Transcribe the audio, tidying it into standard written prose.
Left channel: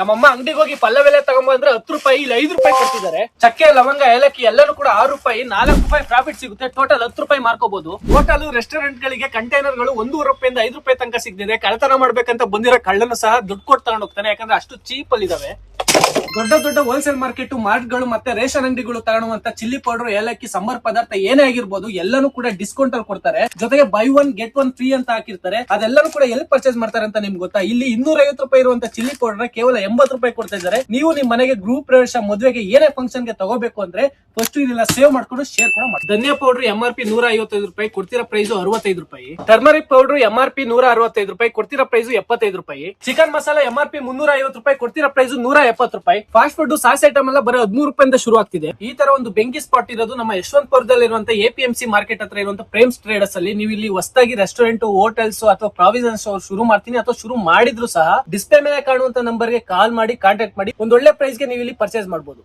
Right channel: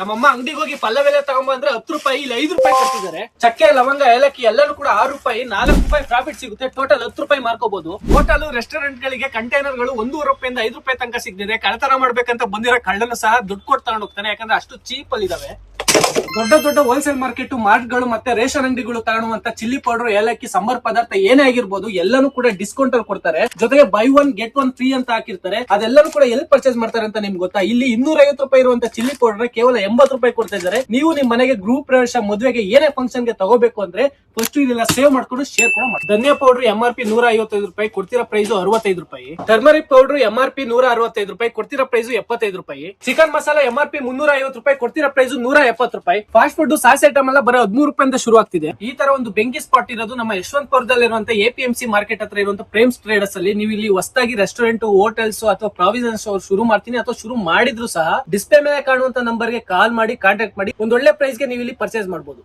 ನಮ್ಮಮ್ಮ ಅಂಗಡಿಗೆ ಹೋಗಿ ಪಲ್ಲವೆಲೆ ತಗೊಂಬಂದ್ರೆ 10 ರೂಪಾಯಿ, ಇಲ್ಲಿ 5 ರೂಪಾಯಿ ಕೊಡ್ತಿದ್ದಾರೆ. ಚಕ್ಕೆ, ಲವಂಗ, ಏಲಕ್ಕಿ ಎಲ್ಲರೂ ಕೂಡ 6 ರೂಪಾಯಿ, 4 ರೂಪಾಯಿ ಪ್ರಾಫಿಟ್ ಸಿಗುತ್ತೆ. ಟೋಟಲ್ 10 ರೂಪಾಯಿ ಮಾರ್ಕೋಬಹುದು. ಹೋಟೆಲ್, ರೆಸ್ಟೋರೆಂಟ್ ಗಳಿಗೆ ಕಂಟೈನರ್ ಗಳು 1 ರೂಪಾಯಿಂದ 5 ರೂಪಾಯಿ ತನಕ ಸಿಗ್ತಿದೆ. ಕಳ್ಳತನ ಮಾಡ್ಬೇಕಂತ ಬಂದಿರೋ ಕಳ್ಳನು ಸಹ ದುಡ್ಡು ಕೊಟ್ಟು ತಗೊಂಡು ಹೋಗ್ತಾನೆ, ಯಾಕಂದ್ರೆ ಅಷ್ಟು ಚೀಪ್ ಅಲ್ಲಿ ಇದಾವೆ. ದೊಡ್ಡ ದೊಡ್ಡ ಹೋಲ್ಸೇಲ್ ಮಾರ್ಕೆಟ್, ಮಾರ್ಟ್ಗಳು ಮತ್ತೆ ರೇಷನ್ ಅಂಗಡಿಗಳು ತಗೊಳ್ಳುವಂತ ಚಿಲ್ಲಿ ಪೌಡರ್, ಏಲಕ್ಕಿ, ಸಂಬಾರ್ ಪದಾರ್ಥ ಏನೇ ಆಗಿರ್ಬೋದು ಎಲ್ಲಾನು ಕೂಡ ಡಿಸ್ಕೌಂಟ್ ಅಲ್ಲಿ ಕೊಡ್ತಾರೆ. ಜೊತೆಗೆ ಬೈ 1 ಗೆಟ್ 1 ಫ್ರೀ ಅಂತ ಹಾಕಿರ್ತಾರೆ. ಅದೆಲ್ಲರೂ ಕೂಡ ಎಲ್ಲಿ ಪರ್ಚೇಸ್ ಮಾಡ್ತಾರೆ ಅಂತ ನಿಮ್ಗೆ ಗೊತ್ತಾ? ಇಲ್ಲಿ 250 ರೂಪಾಯಿ ಇರುವಂತ ಚಿಲ್ಲಿ ಪೌಡರ್ ಕೇವಲ 80 ರೂಪಾಯಿ ಕೊಡ್ತಾ ಇದ್ದಾರೆ. ನೀವು ನಿಮ್ ಮನೆಗೆ ಗೃಹ ಪ್ರವೇಶ, ಮದುವೆಗೆ ಏನೇ ಫಂಕ್ಷನ್ ಗೆ ತಗೋಬೇಕು ಅಂದ್ರೆ ಫಸ್ಟ್ ಇದೆಲ್ಲ ಸೇವ್ ಮಾಡ್ಕೊಂಡು ಶೇರ್ ಕೂಡ ಮಾಡಿ. ಧನಿಯಾ ಪೌಡರ್ MRP 155 ರೂಪಾಯಿ, ಕೊಡ್ತಿರೋ ಪ್ರೈಸ್ 65 ರೂಪಾಯಿ. ಟರ್ಮರಿಕ್ ಪೌಡರ್ MRP 165 ರೂಪಾಯಿ, ಕೊಡ್ತಿರೋ ಪ್ರೈಸ್ 75 ರೂಪಾಯಿ. ಚಿಕನ್ ಮಸಾಲ MRP 350 ರೂಪಾಯಿ, ಕೊಡ್ತಿರೋ ಪ್ರೈಸ್ 170 ರೂಪಾಯಿ. ಫಾಸ್ಟ್ ಫುಡ್ ಸಾಸ್ ಐಟಮ್ ಎಲ್ಲ ಬರೋ 13 ರೂಪಾಯಿಂದ ಶುರು ಆಗ್ತಿದೆ. ಈ ತರ ಒಂದು ಬೆಂಕಿ ಸ್ಪಾಟ್ ಇರೋದು ನಮ್ಮ ಯಶವಂತಪುರದಲ್ಲಿ ಇರುವಂತ APMC ಮಾರ್ಕೆಟ್ ಹತ್ರ ಇರುವಂತ ಪ್ರೇಮ್ಸ್ ಟ್ರೇಡರ್ಸ್ ಅಲ್ಲಿ. ನೀವು ಇಲ್ಲಿ ಹೊಸದಾಗಿ ರೆಸ್ಟೋರೆಂಟ್, ಹೋಟೆಲ್ಸ್ ಅಥವಾ ಪ್ರಾವಿಷನ್ ಸ್ಟೋರ್ ಶುರು ಮಾಡ್ತೀನಿ ಅಥವಾ ಶುರು ಮಾಡಿದ್ರು ಸಹ ಡಿಸ್ಪ್ಲೇ ಮೇಲೆ ಕಾಣುವಂತ ನಂಬರ್ ಗೆ ಕಾಲ್ ಮಾಡಿ ಕಾಂಟ್ಯಾಕ್ಟ್ ಮಾಡಿ ಒಂದೊಳ್ಳೆ ಪ್ರೈಸ್ ಗೆ ನೀವು ಇಲ್ಲಿ ಪರ್ಚೇಸ್ ಮಾಡಬಹುದು.